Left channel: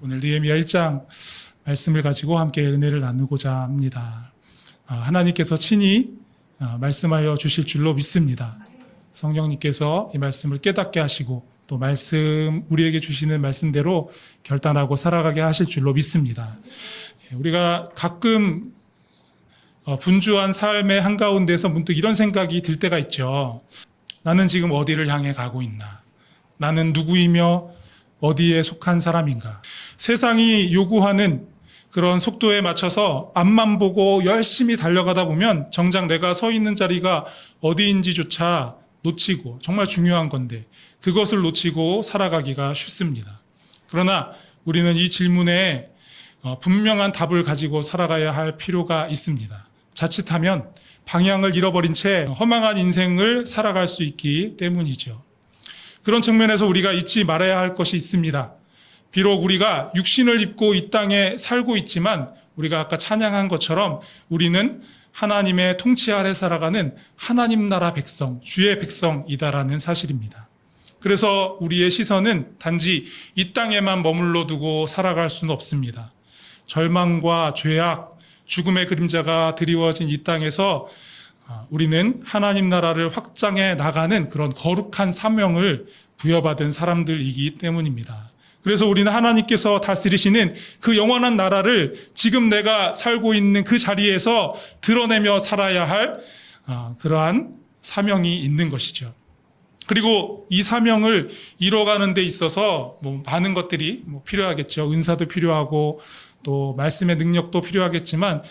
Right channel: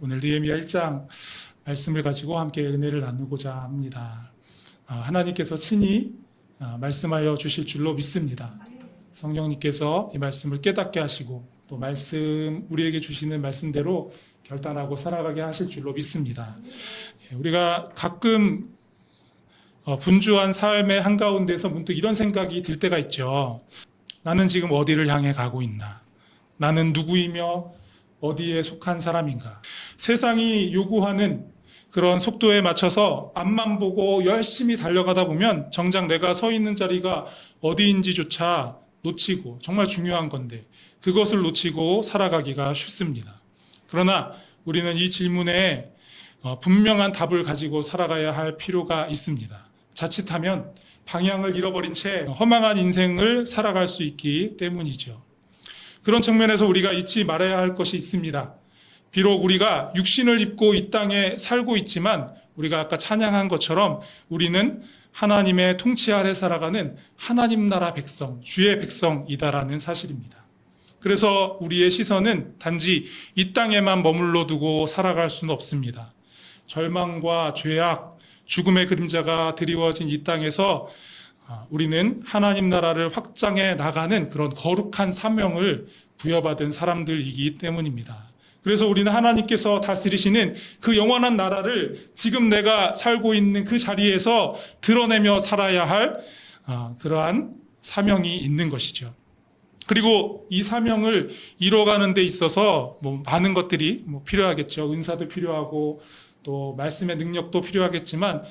오늘 느헤미야 1장 말씀을 가지고 함께 은혜를 나누고자 합니다. 하나님께서 친히 말씀하여 주실 줄로 믿습니다. 성령님께서 이 말씀을 깨닫게 하시고 또 우리에게 주시는 말씀대로 결단하고 살아가게 하실 줄로 믿습니다. 우리가 가끔 분주한 삶의 한가운데서 문득 이런 생각이 들 때가 있죠. 나는 지금 어디를 향해 가고 있나? 나는 누구이며 어디에 속한 사람인가? 세상이 요구하는 그런 속도에 맞춰서 앞만 보고 열심히 달려가다 보면 정작 내가 서 있는 자리가 어디인지조차 놓치고, 정말 중요한 건데 그것을 놓치고 살아가기가 쉽습니다. 그러나 우리는 이 질문에 분명한 답을 가지고 살아가야 할 필요가 있습니다. 자칫하면 방향을 잃어버린 채 허망한 인생을 살아갈 수 있기 때문이죠. 그런 측면에서 우리가 잊지 말아야 할 것이 있습니다. 비록 우리가 육신을 입고 이 땅에 살고 있지만 우리가 아까 찬양한 것처럼 우리는 하나님의 통치 아래 살아가는 하나님 나라 백성, 주의 백성이다라는 사실입니다. 그래서 우리의 시선은 단지 이 땅에만 머물러 두고 살아갈 수는 없습니다. 절망과 죄악, 죽음의 그림자가 드리워진 이 땅에서 우리는 하나님 나라를 확장해 나가는 그런 거룩한 사명을 부여받은 사람들이기 때문입니다. 그래서 우리는 하나님께서 다스리시는 그 영원한 나라를 지금 내가 살고 있는 그 자리에서 드러내며 살아야 할 그러한 사명이 있는 것이죠. 그리고 이 사명을 이뤄가는 데 있어서 많은 것들이 필요하겠죠. 은사도 필요하고 또 말씀의 능력도 필요하겠지만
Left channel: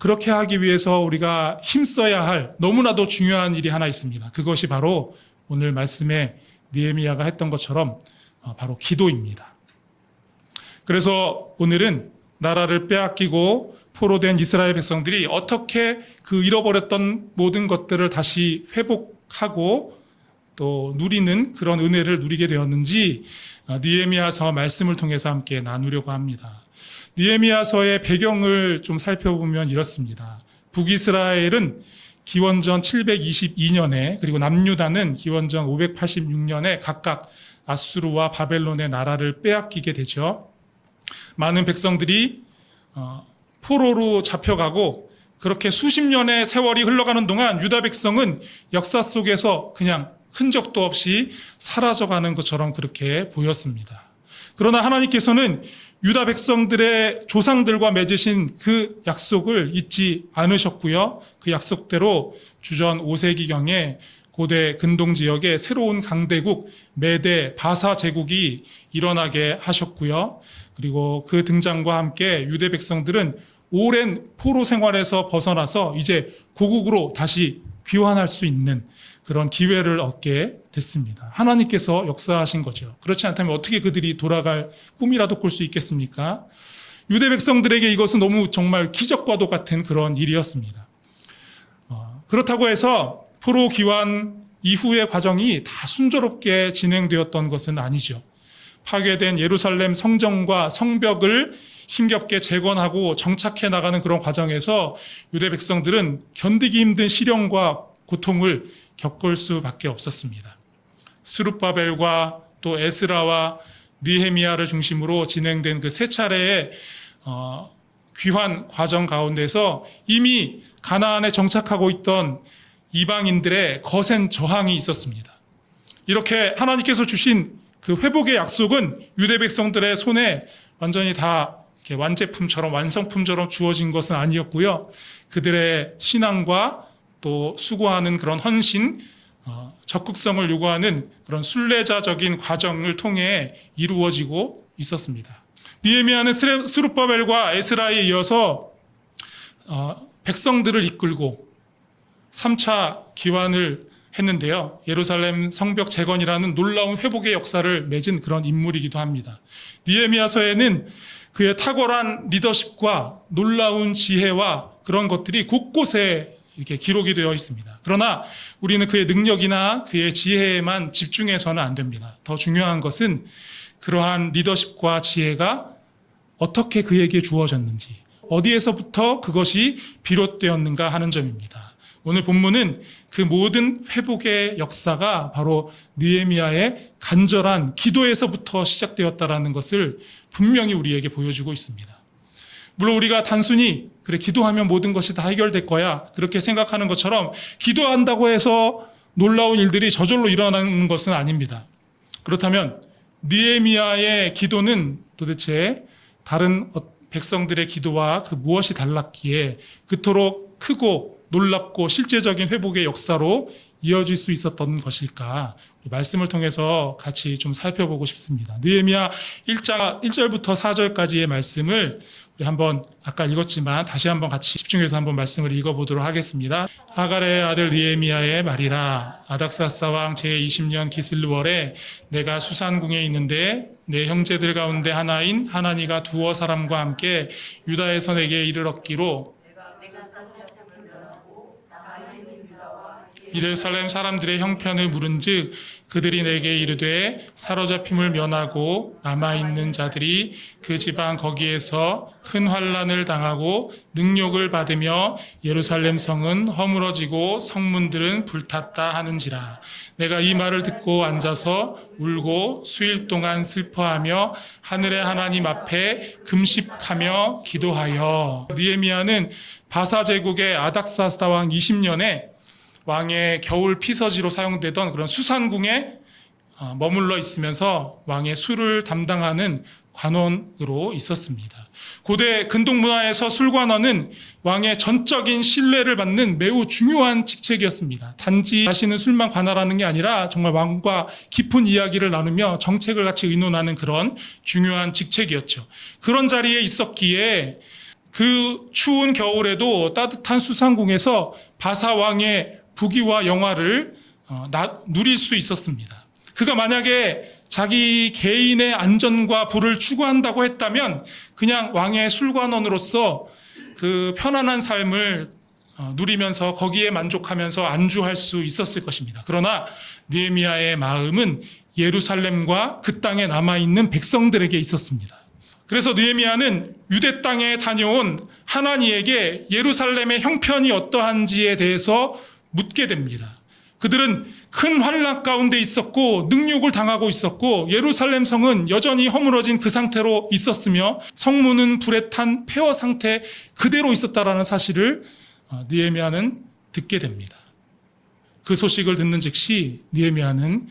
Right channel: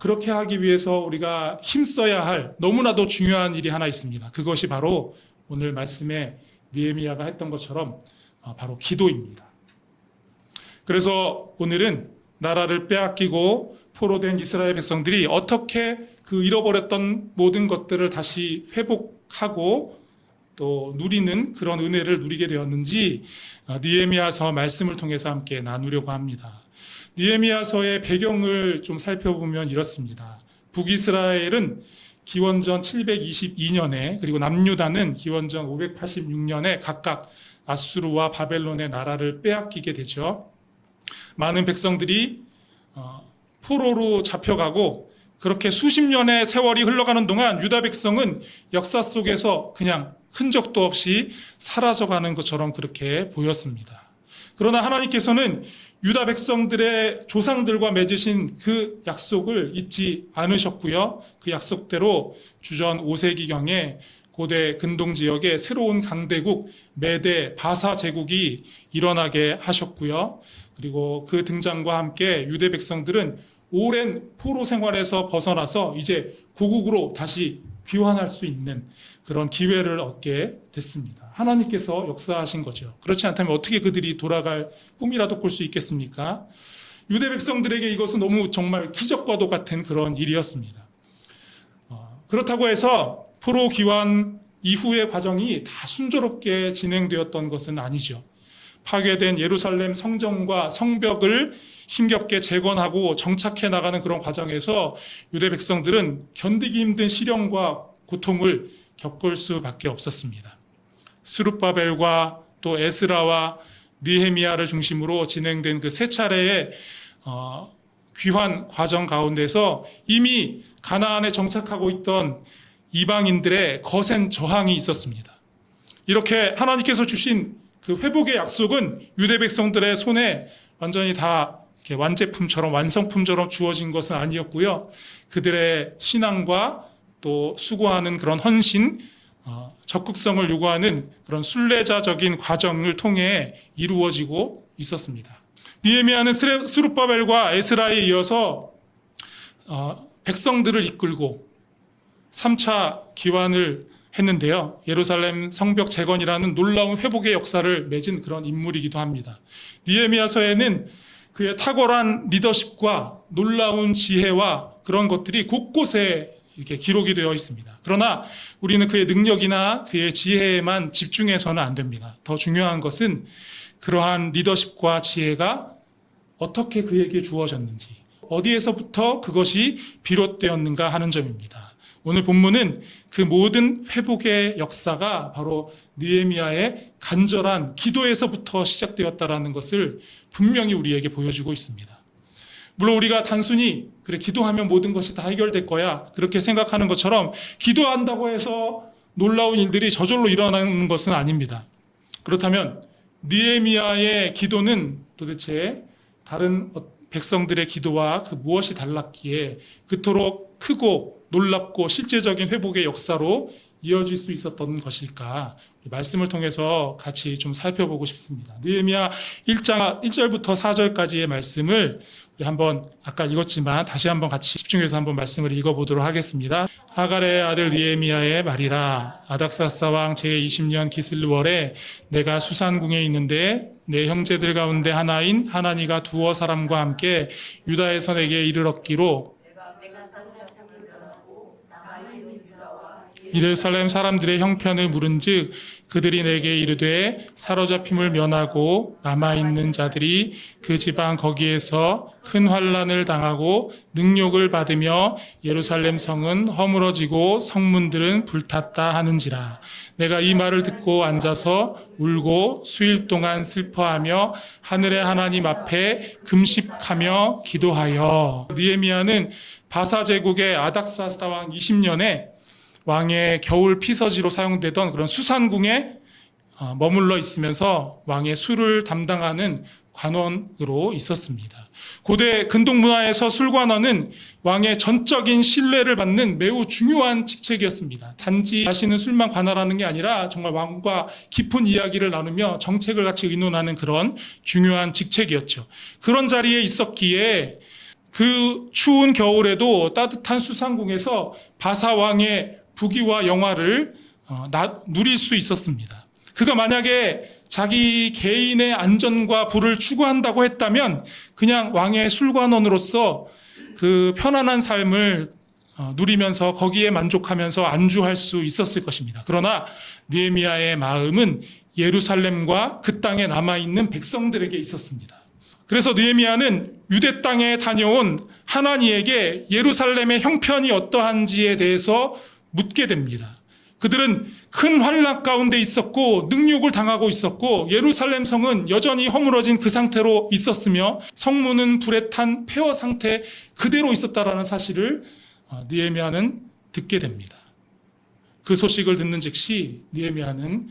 그렇게 하기 위해서 우리가 힘써야 할 너무나도 중요한 일이 하나 있습니다. 그것이 바로 오늘 말씀에 느헤미야가 했던 것처럼 바로 기도입니다. 그래서 오늘은 나라를 빼앗기고 포로된 이스라엘 백성들이 어떻게 그 잃어버렸던 모든 것들을 다시 회복하고 또 누리는 그런 은혜를 누리게 되었는지 느헤미야서 말씀을 통해서 함께 나누려고 합니다. 느헤미야서의 배경을 좀 살펴보면 이렇습니다. 북이스라엘은 기원전 722년에 그리고 남유다는 기원전 586년에 각각 아수르와 바벨론의 나라를 빼앗기게 되죠. 많은 백성들이 포로로 잡혀가고 그렇게 수십 년의 세월이 흘러가는 동안 유다 백성은 역사 속에서 그냥 흔적도 없이 사라져가는 것처럼 그렇게 보였습니다. 그러나 하나님께서는 유다 백성들의 조상들과 맺으신 그 약속을 잊지 않으셨고요. 그 약속대로 주전 5세기경에 고대 근동 지역에 새로운 강대국 메대 바사 제국이 일어나게 하셨고요. 그리고 그 등장과 함께 유대 백성들은 오랜 포로 생활에서 벗어나서 이제 고국으로 다시 귀환할 수 있는 그런 기회를 얻게 됐습니다. 하나님께서 역사하신 거죠. 그렇지 않다면 어떻게 그들이 돌아갈 꿈이라도 꿀 수 있겠습니까? 유대 백성들에게 이것은 너무 정말 기적과도 같은 그런 일이었습니다. 그렇다고 해서 포로 귀환 이후의 과정이 다 순조롭게 진행되었던 것은 아니죠. 파괴된 예루살렘 성전과 성벽을 힘겹게 재건하고 정착해 나가는 그런 과정에서 유대 백성들은 견디기 힘든 시련과 고통을 겪을 수밖에 없었습니다. 스룹바벨과 또 에스라와 느헤미야를 중심으로 진행된 그 세 차례의 귀환 과정 가운데서 이미 가나안에 정착하고 있던 이방인들의 거센 저항이 있었습니다. 이렇게 하나님께서 주신 그 회복의 약속은 유대 백성들의 손에 완전히 다 이렇게 완제품처럼 완성품처럼 주어진 것은 아니었고요. 그들의 신앙과 또 수고하는 그런 헌신, 적극성을 요구하는 그런 순례자적인 과정을 통해 이루어지고 있었습니다. 느헤미야는 스룹바벨과 에스라에 이어서 백성들을 이끌고 3차 기환을 했는데요. 예루살렘 성벽 재건이라는 놀라운 회복의 역사를 맺은 그런 인물이기도 합니다. 느헤미야서에는 그의 탁월한 리더십과 놀라운 지혜와 그런 것들이 곳곳에 이렇게 기록이 되어 있습니다. 그러나 우리는 그의 능력이나 그의 지혜에만 집중해서는 안 됩니다. 더 중요한 것은 그러한 리더십과 지혜가 어떻게 그에게 주어졌는지, 어디에서부터 그것이 비롯되었는가 하는 점입니다. 오늘 본문은 그 모든 회복의 역사가 바로 느헤미야의 간절한 기도에서부터 시작되었다라는 것을 분명히 우리에게 보여주고 있습니다. 물론 우리가 단순히 그래 기도하면 모든 것이 다 해결될 거야 그렇게 생각하는 것처럼 기도한다고 해서 놀라운 일들이 저절로 일어나는 것은 아닙니다. 그렇다면 느헤미야의 기도는 도대체 다른 백성들의 기도와 그 무엇이 달랐기에 그토록 크고 놀랍고 실제적인 회복의 역사로 이어질 수 있었던 것일까? 말씀을 통해서 같이 좀 살펴보고 싶습니다. 느헤미야 1장 1절부터 4절까지의 말씀을 우리 한번 아까 읽었지만 다시 한번 같이 집중해서 한번 말씀을 읽어보도록 하겠습니다. 하갈의 아들 느헤미야의 말이라. 아닥사스다 왕 제20년 기슬월에 내가 수산궁에 있는데 내 형제들 가운데 하나인 하나니가 두어 사람과 함께 유다에서 내게 이르렀기로 예루살렘 사람들의 형편을 물은즉 그들이 내게 이르되 사로잡힘을 면하고 남아있는 자들이 그 지방 거기에서 큰 환난을 당하고 능욕을 받으며 예루살렘 성은 허물어지고 성문들은 불탔다 하는지라. 내가 이 말을 듣고 앉아서 울고 수일 동안 슬퍼하며 하늘의 하나님 앞에 금식하며 기도하여. 느헤미야는 바사 제국의 아닥사스다 왕 20년에 왕의 겨울 피서지로 사용되던 그런 수산궁에 머물러 있으면서 왕의 술을 담당하는 관원으로 있었습니다. 고대 근동 문화에서 술관원은 왕의 전적인 신뢰를 받는 매우 중요한 직책이었습니다. 단지 자신은 술만 관할하는 게 아니라 정말 왕과 깊은 이야기를 나누며 정책을 같이 의논하는 그런 중요한 직책이었죠. 그런 자리에 있었기에 그 추운 겨울에도 따뜻한 수산궁에서 바사 왕의 부귀와 영화를 누릴 수 있었습니다. 그가 만약에 자기 개인의 안전과 부를 추구한다고 했다면 그냥 왕의 술관원으로서 그 편안한 삶을 누리면서 거기에 만족하면서 안주할 수 있었을 것입니다. 그러나 느헤미야의 마음은 예루살렘과 그 땅에 남아있는 백성들에게 있었습니다. 그래서 느헤미야는 유대 땅에 다녀온 하나니에게 예루살렘의 형편이 어떠한지에 대해서 묻게 됩니다. 그들은 큰 환난 가운데 있었고 능욕을 당하고 있었고 예루살렘 성은 여전히 허물어진 그 상태로 있었으며 성문은 불에 탄 폐허 상태 그대로 있었다라는 사실을 느헤미야는 듣게 됩니다. 그 소식을 듣는 즉시 느헤미야는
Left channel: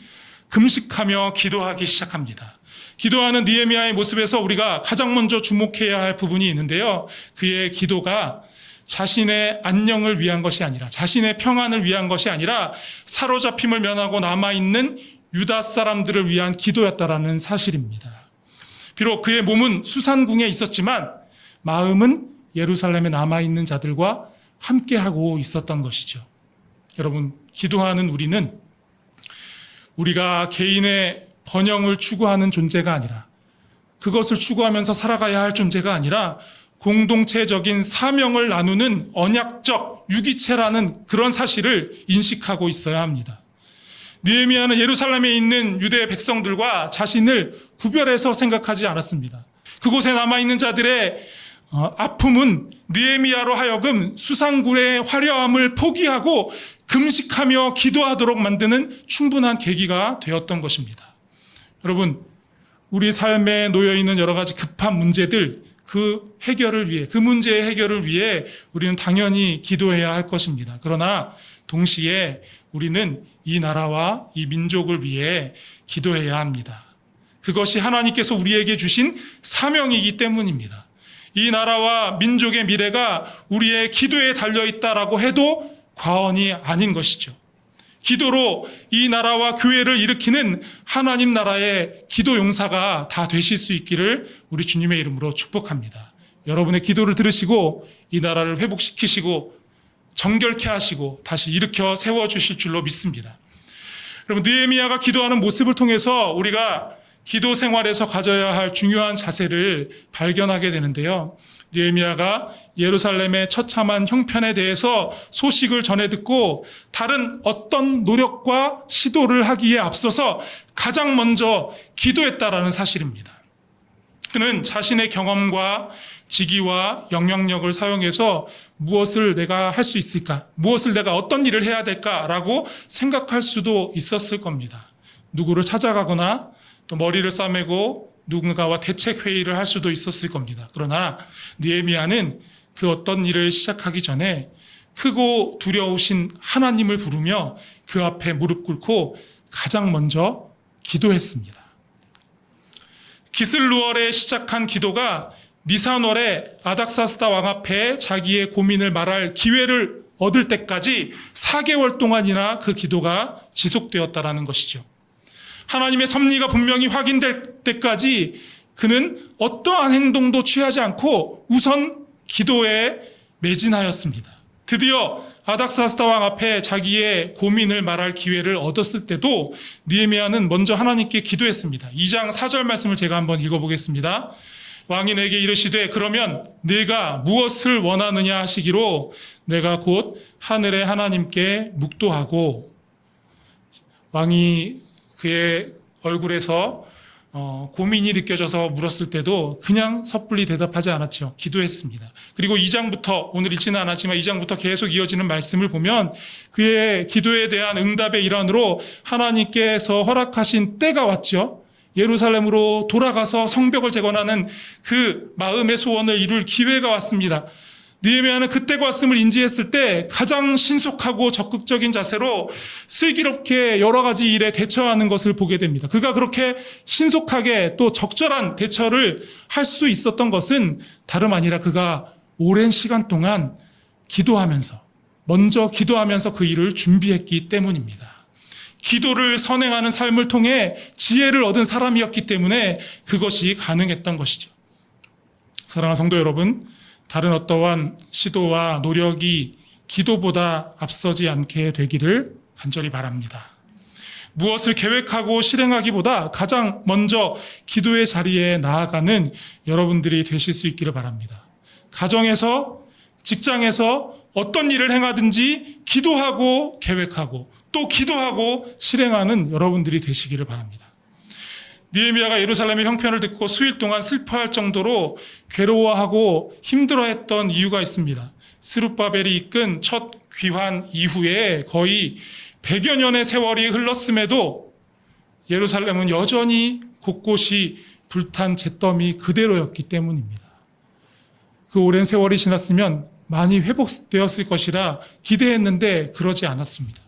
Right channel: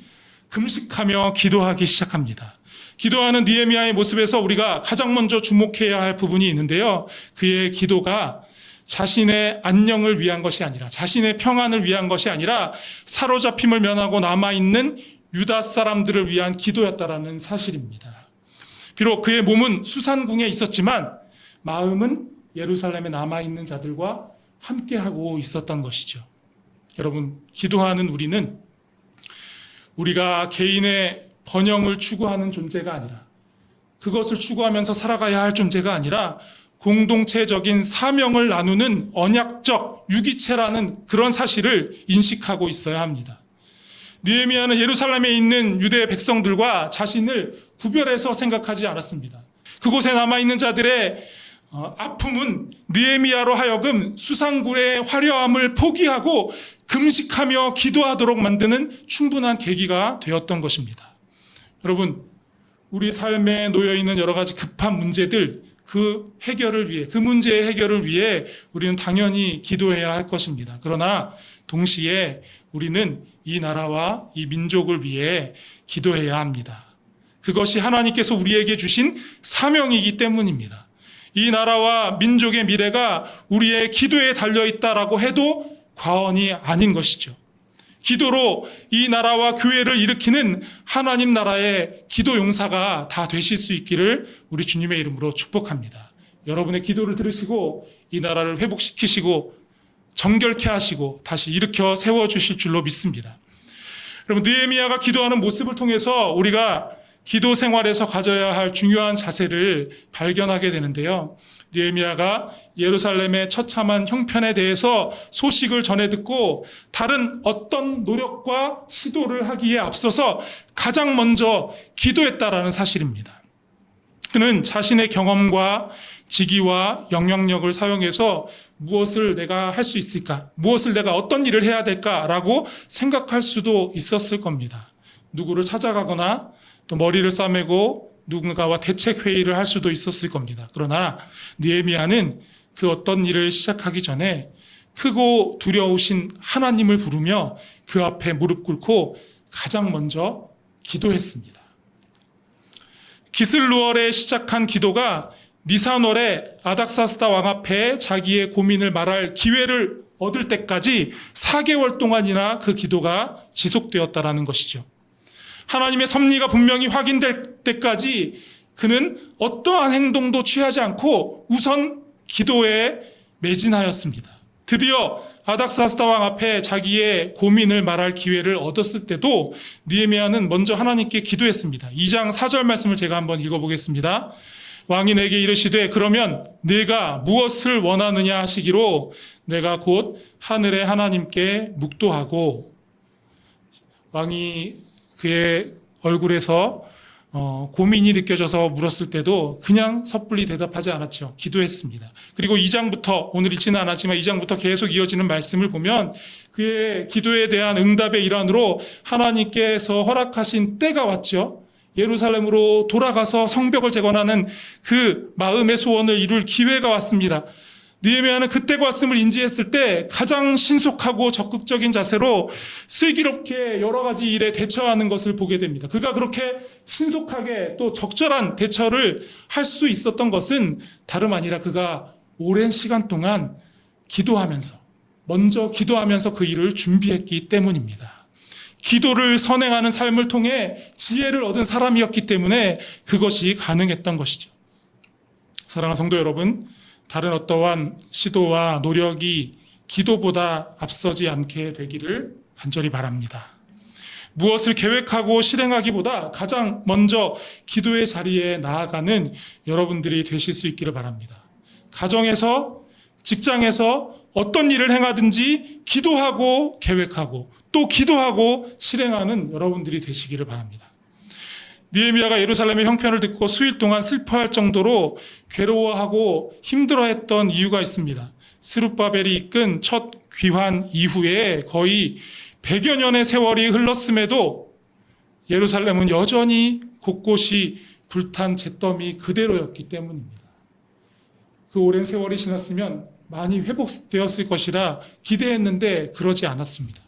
금식하며 기도하기 시작합니다. 기도하는 느헤미야의 모습에서 우리가 가장 먼저 주목해야 할 부분이 있는데요. 그의 기도가 자신의 안녕을 위한 것이 아니라 자신의 평안을 위한 것이 아니라 사로잡힘을 면하고 남아있는 유다 사람들을 위한 기도였다라는 사실입니다. 비록 그의 몸은 수산궁에 있었지만 마음은 예루살렘에 남아있는 자들과 함께하고 있었던 것이죠. 여러분, 기도하는 우리는 우리가 개인의 번영을 추구하는 존재가 아니라 그것을 추구하면서 살아가야 할 존재가 아니라 공동체적인 사명을 나누는 언약적 유기체라는 그런 사실을 인식하고 있어야 합니다. 느헤미야는 예루살렘에 있는 유대 백성들과 자신을 구별해서 생각하지 않았습니다. 그곳에 남아있는 자들의 아픔은 느헤미야로 하여금 수산궁의 화려함을 포기하고 금식하며 기도하도록 만드는 충분한 계기가 되었던 것입니다. 여러분, 우리 삶에 놓여있는 여러 가지 급한 문제들, 그 해결을 위해, 그 문제의 해결을 위해 우리는 당연히 기도해야 할 것입니다. 그러나 동시에 우리는 이 나라와 이 민족을 위해 기도해야 합니다. 그것이 하나님께서 우리에게 주신 사명이기 때문입니다. 이 나라와 민족의 미래가 우리의 기도에 달려있다라고 해도 과언이 아닌 것이죠. 기도로 이 나라와 교회를 일으키는 하나님 나라의 기도 용사가 다 되실 수 있기를 우리 주님의 이름으로 축복합니다. 여러분의 기도를 들으시고 이 나라를 회복시키시고 정결케 하시고 다시 일으켜 세워주실 줄로 믿습니다. 여러분, 느헤미야가 기도하는 모습을 통해서 우리가 기도 생활에서 가져야 할 중요한 자세를 발견하게 되는데요. 느헤미야가 예루살렘의 처참한 형편에 대해서 소식을 전해 듣고 다른 어떤 노력과 시도를 하기에 앞서서 가장 먼저 기도했다라는 사실입니다. 그는 자신의 경험과 직위와 영향력을 사용해서 무엇을 내가 할 수 있을까? 무엇을 내가 어떤 일을 해야 될까라고 생각할 수도 있었을 겁니다. 누구를 찾아가거나 또 머리를 싸매고 누군가와 대책 회의를 할 수도 있었을 겁니다. 그러나 느헤미야는 그 어떤 일을 시작하기 전에 크고 두려우신 하나님을 부르며 그 앞에 무릎 꿇고 가장 먼저 기도했습니다. 기슬루월에 시작한 기도가 니산월에 아닥사스다 왕 앞에 자기의 고민을 말할 기회를 얻을 때까지 4개월 동안이나 그 기도가 지속되었다라는 것이죠. 하나님의 섭리가 분명히 확인될 때까지 그는 어떠한 행동도 취하지 않고 우선 기도에 매진하였습니다. 드디어 아닥사스다 왕 앞에 자기의 고민을 말할 기회를 얻었을 때도 느헤미야는 먼저 하나님께 기도했습니다. 2장 4절 말씀을 제가 한번 읽어보겠습니다. 왕이 내게 이르시되 그러면 네가 무엇을 원하느냐 하시기로 내가 곧 하늘의 하나님께 묵도하고, 왕이 그의 얼굴에서 고민이 느껴져서 물었을 때도 그냥 섣불리 대답하지 않았죠. 기도했습니다. 그리고 2장부터, 오늘 읽지는 않았지만 2장부터 계속 이어지는 말씀을 보면 그의 기도에 대한 응답의 일환으로 하나님께서 허락하신 때가 왔죠. 예루살렘으로 돌아가서 성벽을 재건하는 그 마음의 소원을 이룰 기회가 왔습니다. 느헤미야는 그때가 왔음을 인지했을 때 가장 신속하고 적극적인 자세로 슬기롭게 여러 가지 일에 대처하는 것을 보게 됩니다. 그가 그렇게 신속하게 또 적절한 대처를 할 수 있었던 것은 다름 아니라 그가 오랜 시간 동안 먼저 기도하면서 그 일을 준비했기 때문입니다. 기도를 선행하는 삶을 통해 지혜를 얻은 사람이었기 때문에 그것이 가능했던 것이죠. 사랑하는 성도 여러분, 다른 어떠한 시도와 노력이 기도보다 앞서지 않게 되기를 간절히 바랍니다. 무엇을 계획하고 실행하기보다 가장 먼저 기도의 자리에 나아가는 여러분들이 되실 수 있기를 바랍니다. 가정에서, 직장에서 어떤 일을 행하든지 기도하고 계획하고 또 기도하고 실행하는 여러분들이 되시기를 바랍니다. 느헤미야가 예루살렘의 형편을 듣고 수일 동안 슬퍼할 정도로 괴로워하고 힘들어했던 이유가 있습니다. 스룹바벨이 이끈 첫 귀환 이후에 거의 100여 년의 세월이 흘렀음에도 예루살렘은 여전히 곳곳이 불탄 잿더미 그대로였기 때문입니다. 그 오랜 세월이 지났으면 많이 회복되었을 것이라 기대했는데 그러지 않았습니다.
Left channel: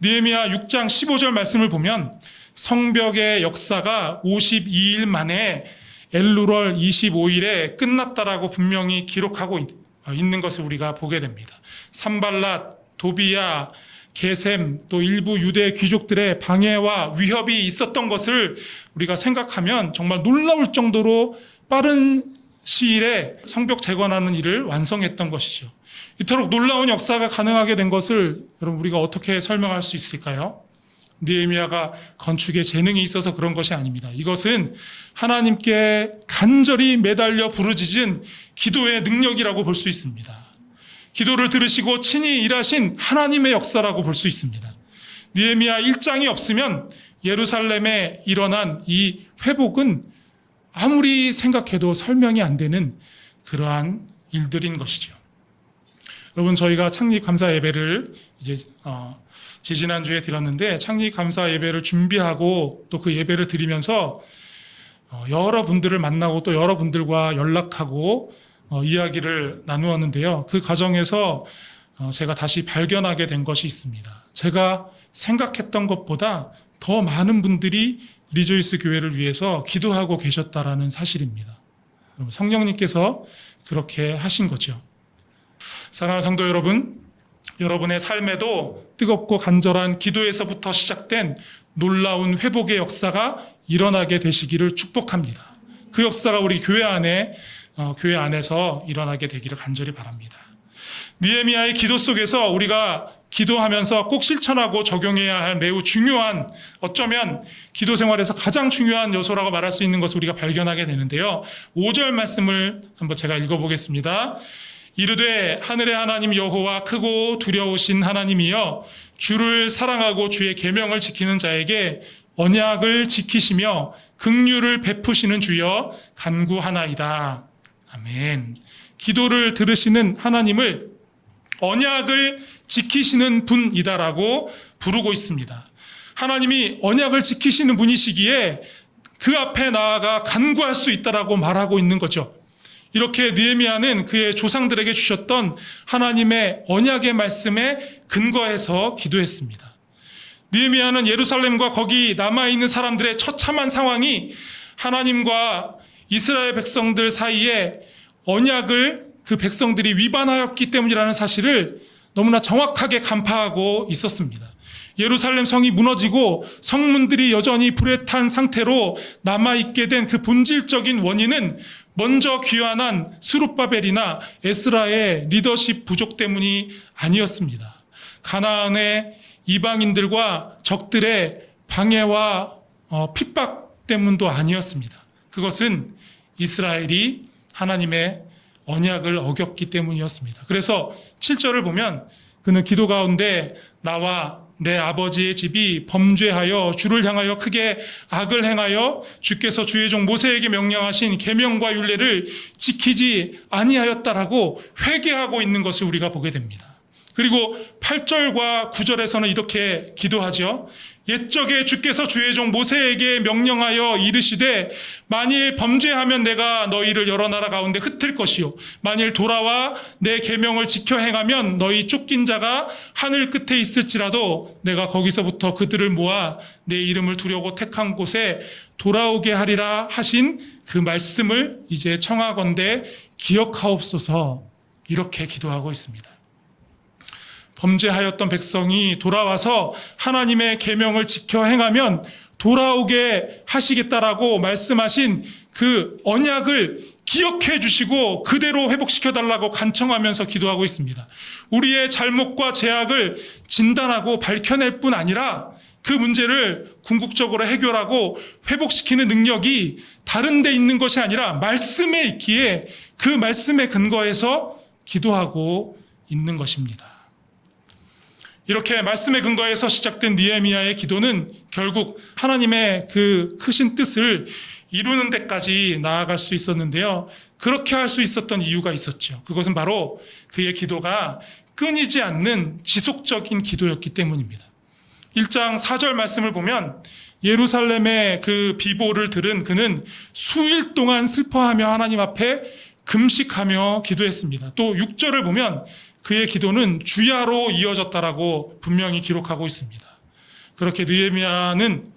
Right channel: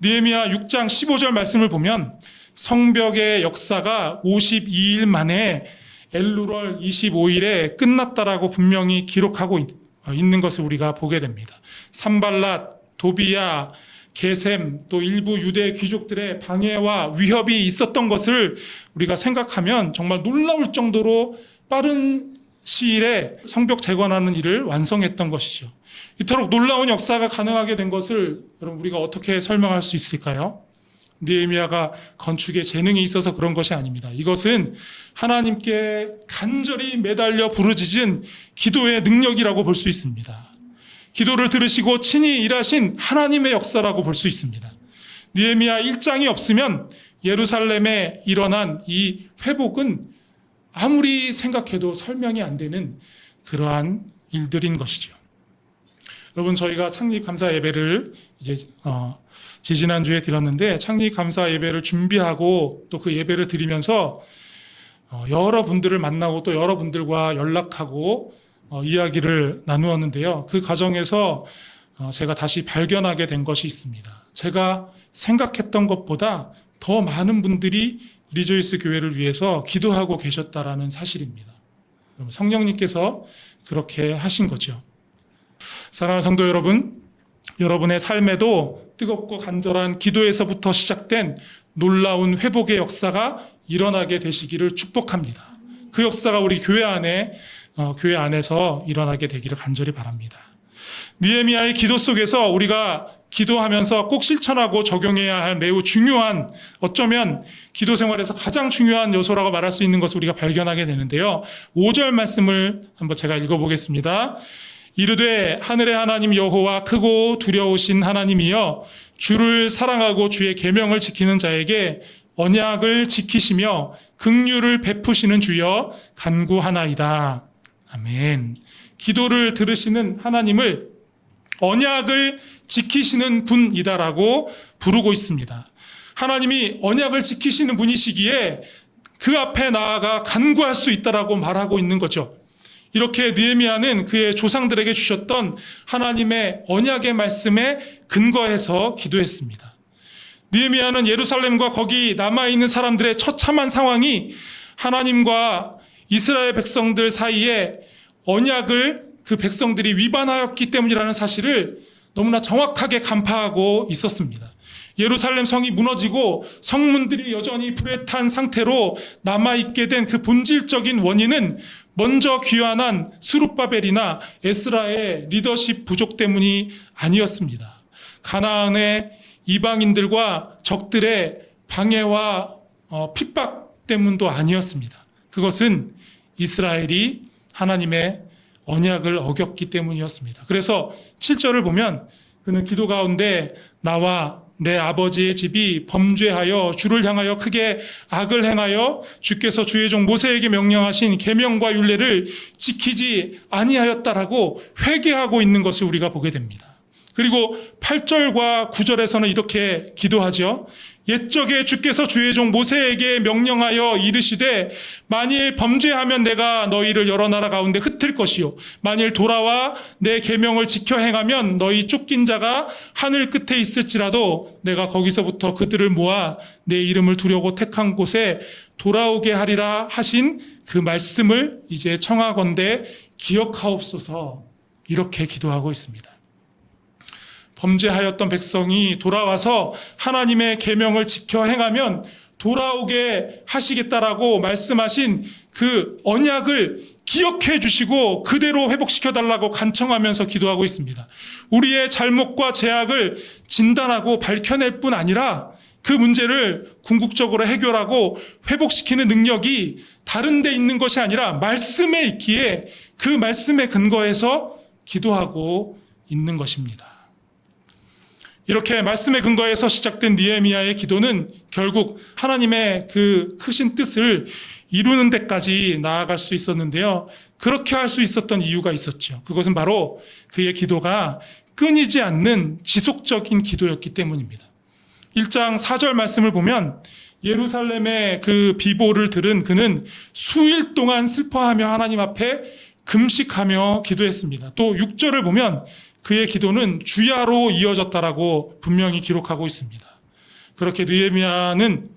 느헤미야 6장 15절 말씀을 보면 성벽의 역사가 52일 만에 엘루월 25일에 끝났다라고 분명히 기록하고 있는 것을 우리가 보게 됩니다. 산발랏, 도비야, 게셈, 또 일부 유대 귀족들의 방해와 위협이 있었던 것을 우리가 생각하면 정말 놀라울 정도로 빠른 시일에 성벽 재건하는 일을 완성했던 것이죠. 이토록 놀라운 역사가 가능하게 된 것을 여러분 우리가 어떻게 설명할 수 있을까요? 느헤미야가 건축에 재능이 있어서 그런 것이 아닙니다. 이것은 하나님께 간절히 매달려 부르짖은 기도의 능력이라고 볼 수 있습니다. 기도를 들으시고 친히 일하신 하나님의 역사라고 볼 수 있습니다. 느헤미야 1장이 없으면 예루살렘에 일어난 이 회복은 아무리 생각해도 설명이 안 되는 그러한 일들인 것이죠. 여러분, 저희가 창립 감사 예배를 이제 지지난주에 드렸는데, 창립 감사 예배를 준비하고 또 그 예배를 드리면서 여러 분들을 만나고 또 여러 분들과 연락하고 이야기를 나누었는데요. 그 과정에서 제가 다시 발견하게 된 것이 있습니다. 제가 생각했던 것보다 더 많은 분들이 리조이스 교회를 위해서 기도하고 계셨다라는 사실입니다. 성령님께서 그렇게 하신 거죠. 사랑하는 성도 여러분, 여러분의 삶에도 뜨겁고 간절한 기도에서부터 시작된 놀라운 회복의 역사가 일어나게 되시기를 축복합니다. 그 역사가 우리 교회 안에서 일어나게 되기를 간절히 바랍니다. 느헤미야의 기도 속에서 우리가 기도하면서 꼭 실천하고 적용해야 할 매우 중요한, 어쩌면 기도 생활에서 가장 중요한 요소라고 말할 수 있는 것을 우리가 발견하게 되는데요. 5절 말씀을 한번 제가 읽어보겠습니다. 이르되 하늘의 하나님 여호와 크고 두려우신 하나님이여, 주를 사랑하고 주의 계명을 지키는 자에게 언약을 지키시며 긍휼을 베푸시는 주여 간구하나이다. 아멘. 기도를 들으시는 하나님을 언약을 지키시는 분이다라고 부르고 있습니다. 하나님이 언약을 지키시는 분이시기에 그 앞에 나아가 간구할 수 있다라고 말하고 있는 거죠. 이렇게 느헤미야는 그의 조상들에게 주셨던 하나님의 언약의 말씀에 근거해서 기도했습니다. 느헤미야는 예루살렘과 거기 남아있는 사람들의 처참한 상황이 하나님과 이스라엘 백성들 사이에 언약을 그 백성들이 위반하였기 때문이라는 사실을 너무나 정확하게 간파하고 있었습니다. 예루살렘 성이 무너지고 성문들이 여전히 불에 탄 상태로 남아있게 된 그 본질적인 원인은 먼저 귀환한 스룹바벨이나 에스라의 리더십 부족 때문이 아니었습니다. 가나안의 이방인들과 적들의 방해와 핍박 때문도 아니었습니다. 그것은 이스라엘이 하나님의 언약을 어겼기 때문이었습니다. 그래서 7절을 보면 그는 기도 가운데 나와 내 아버지의 집이 범죄하여 주를 향하여 크게 악을 행하여 주께서 주의 종 모세에게 명령하신 계명과 율례를 지키지 아니하였다라고 회개하고 있는 것을 우리가 보게 됩니다. 그리고 8절과 9절에서는 이렇게 기도하죠. 옛적에 주께서 주의 종 모세에게 명령하여 이르시되 만일 범죄하면 내가 너희를 여러 나라 가운데 흩을 것이요 만일 돌아와 내 계명을 지켜 행하면 너희 쫓긴 자가 하늘 끝에 있을지라도 내가 거기서부터 그들을 모아 내 이름을 두려고 택한 곳에 돌아오게 하리라 하신 그 말씀을 이제 청하건대 기억하옵소서. 이렇게 기도하고 있습니다. 범죄하였던 백성이 돌아와서 하나님의 계명을 지켜 행하면 돌아오게 하시겠다라고 말씀하신 그 언약을 기억해 주시고 그대로 회복시켜 달라고 간청하면서 기도하고 있습니다. 우리의 잘못과 죄악을 진단하고 밝혀낼 뿐 아니라 그 문제를 궁극적으로 해결하고 회복시키는 능력이 다른 데 있는 것이 아니라 말씀에 있기에 그 말씀에 근거해서 기도하고 있는 것입니다. 이렇게 말씀에 근거해서 시작된 느헤미야의 기도는 결국 하나님의 그 크신 뜻을 이루는 데까지 나아갈 수 있었는데요. 그렇게 할 수 있었던 이유가 있었죠. 그것은 바로 그의 기도가 끊이지 않는 지속적인 기도였기 때문입니다. 1장 4절 말씀을 보면 예루살렘의 그 비보를 들은 그는 수일 동안 슬퍼하며 하나님 앞에 금식하며 기도했습니다. 또 6절을 보면 그의 기도는 주야로 이어졌다라고 분명히 기록하고 있습니다. 그렇게 느헤미야는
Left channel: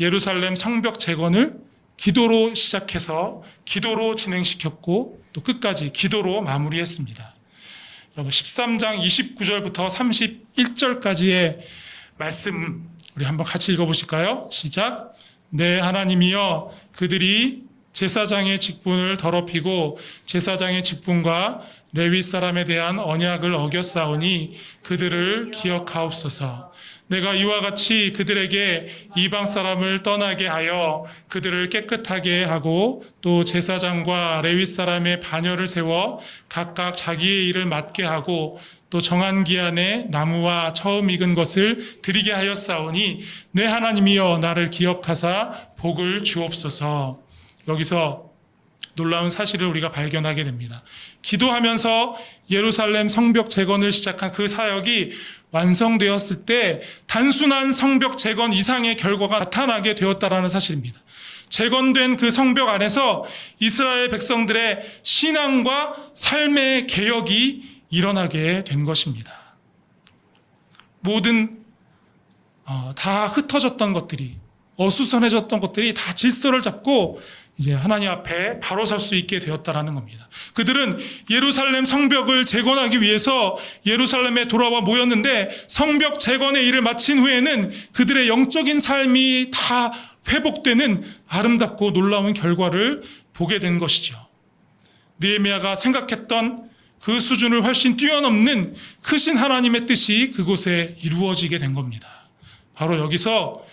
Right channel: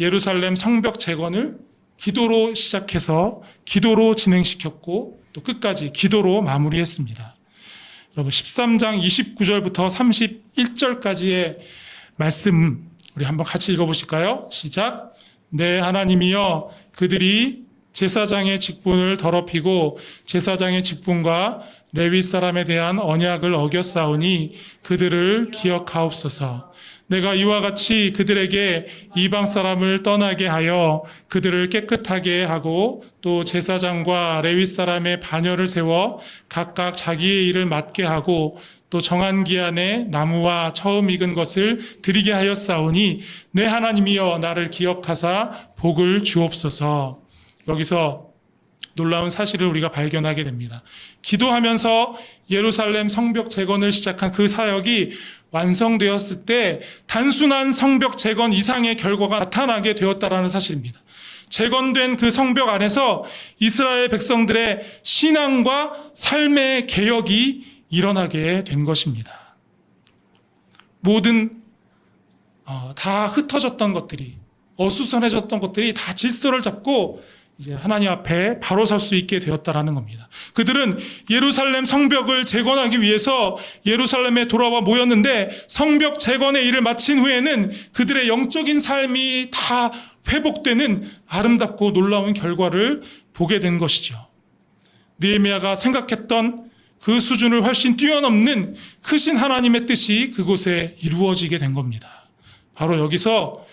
예루살렘 성벽 재건을 기도로 시작해서 기도로 진행시켰고 또 끝까지 기도로 마무리했습니다. 여러분 13장 29절부터 31절까지의 말씀 우리 한번 같이 읽어보실까요? 시작. 내 하나님이여 그들이 제사장의 직분을 더럽히고 제사장의 직분과 레위 사람에 대한 언약을 어겼사오니 그들을 기억하옵소서. 내가 이와 같이 그들에게 이방 사람을 떠나게 하여 그들을 깨끗하게 하고 또 제사장과 레위 사람의 반열을 세워 각각 자기의 일을 맡게 하고 또 정한 기한에 나무와 처음 익은 것을 드리게 하였사오니 내 하나님이여 나를 기억하사 복을 주옵소서. 여기서 놀라운 사실을 우리가 발견하게 됩니다. 기도하면서 예루살렘 성벽 재건을 시작한 그 사역이 완성되었을 때 단순한 성벽 재건 이상의 결과가 나타나게 되었다라는 사실입니다. 재건된 그 성벽 안에서 이스라엘 백성들의 신앙과 삶의 개혁이 일어나게 된 것입니다. 모든 다 흩어졌던 것들이 어수선해졌던 것들이 다 질서를 잡고 이제 하나님 앞에 바로 설 수 있게 되었다라는 겁니다. 그들은 예루살렘 성벽을 재건하기 위해서 예루살렘에 돌아와 모였는데 성벽 재건의 일을 마친 후에는 그들의 영적인 삶이 다 회복되는 아름답고 놀라운 결과를 보게 된 것이죠. 느헤미야가 생각했던 그 수준을 훨씬 뛰어넘는 크신 하나님의 뜻이 그곳에 이루어지게 된 겁니다. 바로 여기서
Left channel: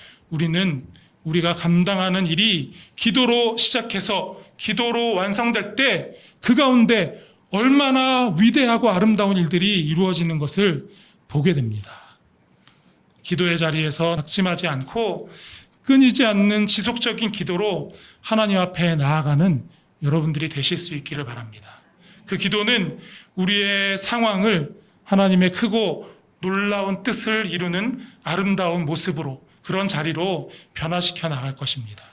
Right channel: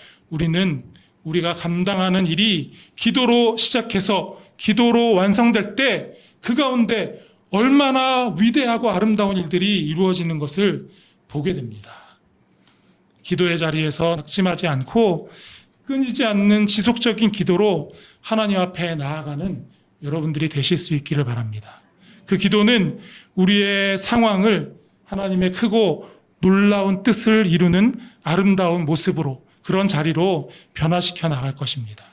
우리가 감당하는 일이 기도로 시작해서 기도로 완성될 때 그 가운데 얼마나 위대하고 아름다운 일들이 이루어지는 것을 보게 됩니다. 기도의 자리에서 낙심하지 않고 끊이지 않는 지속적인 기도로 하나님 앞에 나아가는 여러분들이 되실 수 있기를 바랍니다. 그 기도는 우리의 상황을 하나님의 크고 놀라운 뜻을 이루는 아름다운 모습으로, 그런 자리로 변화시켜 나갈 것입니다.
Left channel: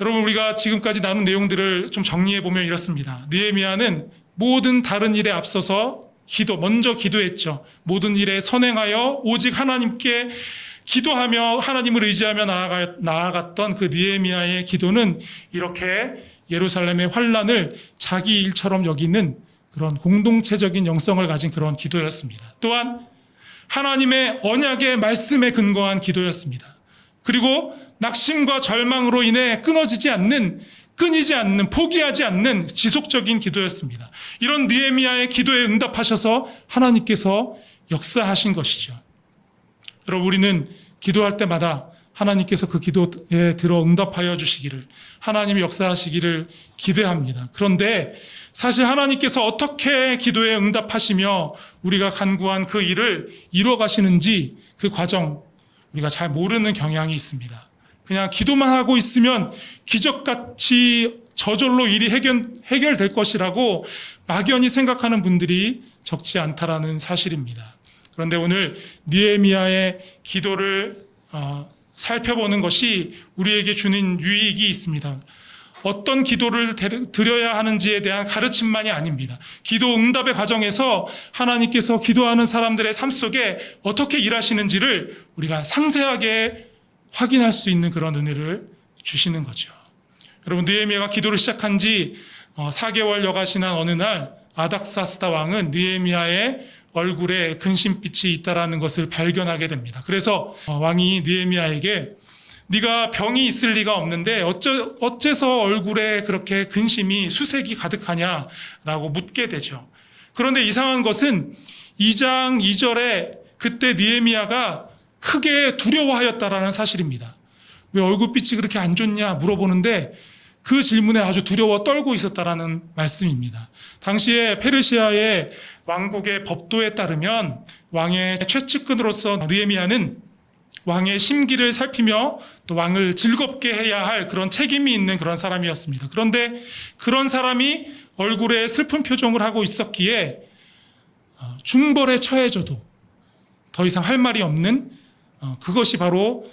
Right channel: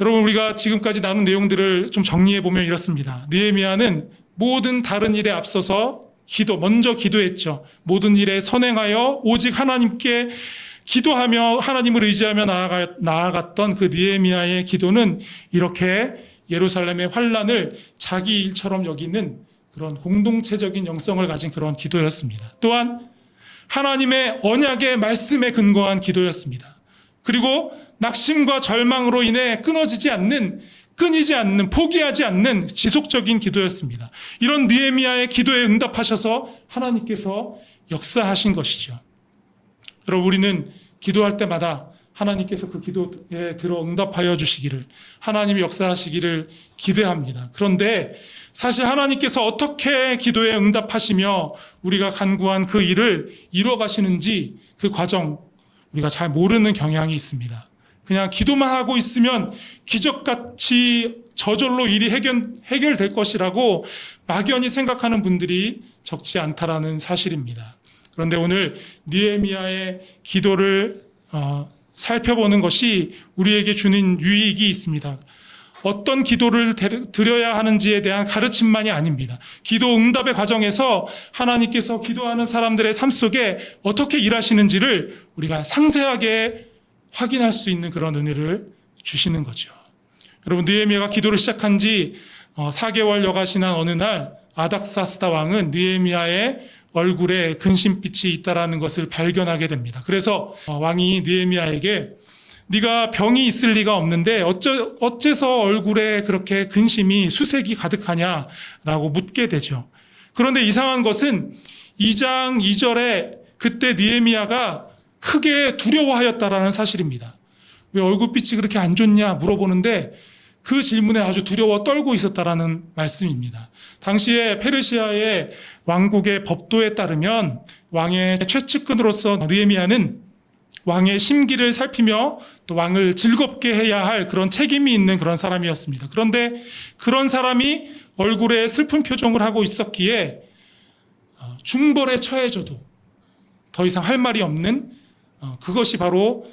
여러분, 우리가 지금까지 나눈 내용들을 좀 정리해 보면 이렇습니다. 느헤미야는 모든 다른 일에 앞서서 먼저 기도했죠. 모든 일에 선행하여 오직 하나님께 기도하며 하나님을 의지하며 나아갔던 그 느헤미야의 기도는 이렇게 예루살렘의 환란을 자기 일처럼 여기는 그런 공동체적인 영성을 가진 그런 기도였습니다. 또한 하나님의 언약의 말씀에 근거한 기도였습니다. 그리고 낙심과 절망으로 인해 끊이지 않는, 포기하지 않는 지속적인 기도였습니다. 이런 느헤미야의 기도에 응답하셔서 하나님께서 역사하신 것이죠. 여러분, 우리는 기도할 때마다 하나님께서 그 기도에 들어 응답하여 주시기를, 하나님이 역사하시기를 기대합니다. 그런데 사실 하나님께서 어떻게 기도에 응답하시며 우리가 간구한 그 일을 이뤄가시는지 그 과정, 우리가 잘 모르는 경향이 있습니다. 그냥 기도만 하고 있으면 기적같이 저절로 일이 해결될 것이라고 막연히 생각하는 분들이 적지 않다라는 사실입니다. 그런데 오늘 느헤미야의 기도를 살펴보는 것이 우리에게 주는 유익이 있습니다. 어떤 기도를 드려야 하는지에 대한 가르침만이 아닙니다. 기도 응답의 과정에서 하나님께서 기도하는 사람들의 삶 속에 어떻게 일하시는지를 우리가 상세하게 확인할 수 있는 그런 은혜를 주시는 거죠. 여러분, 느헤미야가 기도를 시작한 지 4개월여가 지난 어느 날 아닥사스다 왕은 느헤미야의 얼굴에 근심빛이 있다라는 것을 발견하게 됩니다. 그래서 왕이 느헤미야에게 네가 병이 있을 리가 없는데 어째서 얼굴에 그렇게 근심이 수색이 가득하냐라고 묻게 되죠. 그런데 이상한 것은 2장 2절에 그때 느헤미야가 크게 두려워하였다라는 사실입니다. 왜 얼굴빛이 그렇게 안 좋냐 물어보는데 그 질문에 아주 두려워 떨고 있었다라는 말씀입니다. 당시에 페르시아의 왕국의 법도에 따르면 왕의 최측근으로서 느헤미야는 왕의 심기를 살피며 또 왕을 즐겁게 해야 할 그런 책임이 있는 그런 사람이었습니다. 그런데 그런 사람이 얼굴에 슬픈 표정을 하고 있었기에 중벌에 처해져도 더 이상 할 말이 없는 그것이 바로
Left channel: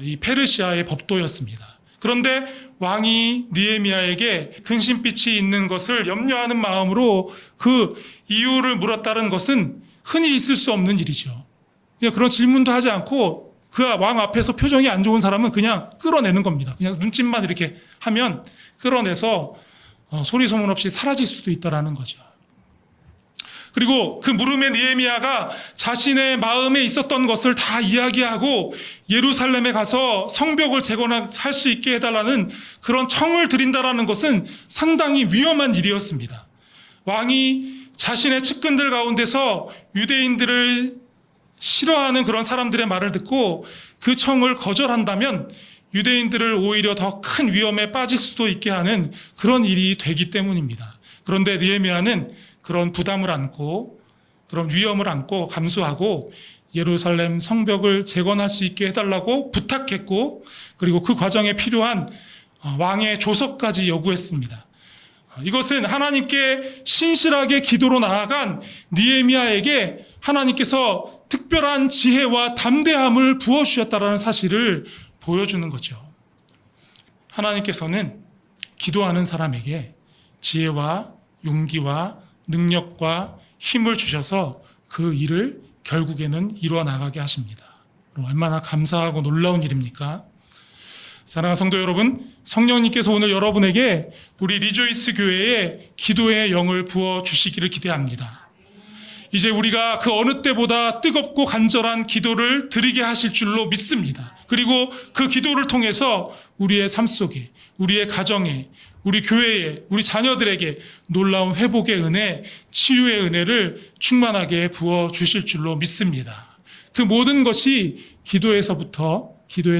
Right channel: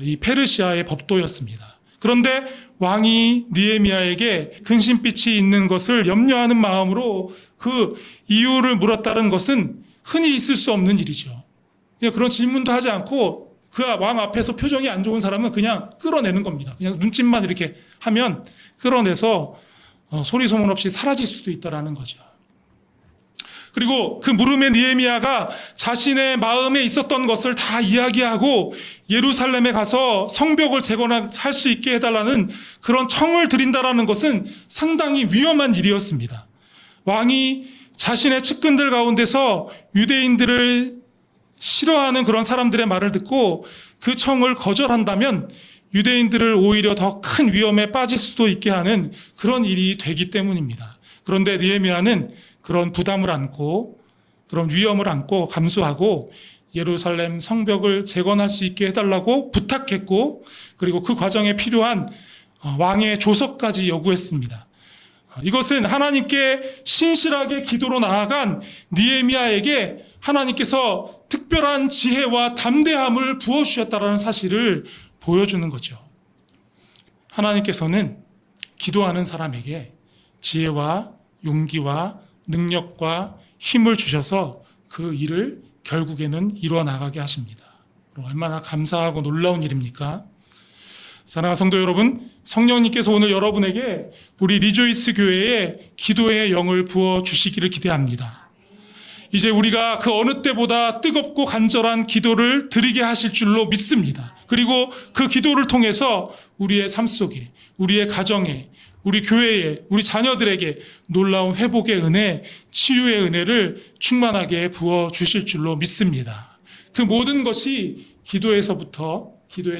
이 페르시아의 법도였습니다. 그런데 왕이 느헤미야에게 근심빛이 있는 것을 염려하는 마음으로 그 이유를 물었다는 것은 흔히 있을 수 없는 일이죠. 그냥 그런 질문도 하지 않고 그 왕 앞에서 표정이 안 좋은 사람은 그냥 끌어내는 겁니다. 그냥 눈짓만 이렇게 하면 끌어내서 소리 소문 없이 사라질 수도 있다라는 거죠. 그리고 그 물음에 느헤미야가 자신의 마음에 있었던 것을 다 이야기하고 예루살렘에 가서 성벽을 재건할 수 있게 해달라는 그런 청을 드린다라는 것은 상당히 위험한 일이었습니다. 왕이 자신의 측근들 가운데서 유대인들을 싫어하는 그런 사람들의 말을 듣고 그 청을 거절한다면 유대인들을 오히려 더 큰 위험에 빠질 수도 있게 하는 그런 일이 되기 때문입니다. 그런데 느헤미야는 그런 부담을 안고 그런 위험을 안고 감수하고 예루살렘 성벽을 재건할 수 있게 해달라고 부탁했고, 그리고 그 과정에 필요한 왕의 조서까지 요구했습니다. 이것은 하나님께 신실하게 기도로 나아간 느헤미야에게 하나님께서 특별한 지혜와 담대함을 부어주셨다는 사실을 보여주는 거죠. 하나님께서는 기도하는 사람에게 지혜와 용기와 능력과 힘을 주셔서 그 일을 결국에는 이루어 나가게 하십니다. 얼마나 감사하고 놀라운 일입니까? 사랑하는 성도 여러분, 성령님께서 오늘 여러분에게 우리 리조이스 교회에 기도의 영을 부어 주시기를 기대합니다. 이제 우리가 그 어느 때보다 뜨겁고 간절한 기도를 드리게 하실 줄로 믿습니다. 그리고 그 기도를 통해서 우리의 삶 속에, 우리의 가정에, 우리 교회에, 우리 자녀들에게 놀라운 회복의 은혜, 치유의 은혜를 충만하게 부어 주실 줄로 믿습니다. 그 모든 것이 기도의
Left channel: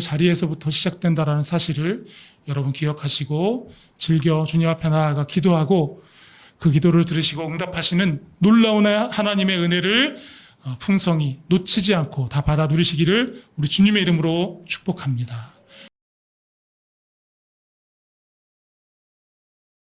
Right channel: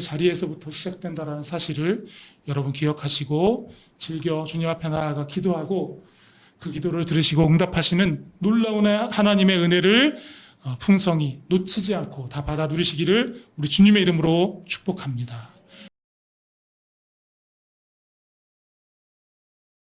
자리에서부터 시작된다는 사실을 여러분 기억하시고 즐겨 주님 앞에 나아가 기도하고 그 기도를 들으시고 응답하시는 놀라운 하나님의 은혜를 풍성히 놓치지 않고 다 받아 누리시기를 우리 주님의 이름으로 축복합니다.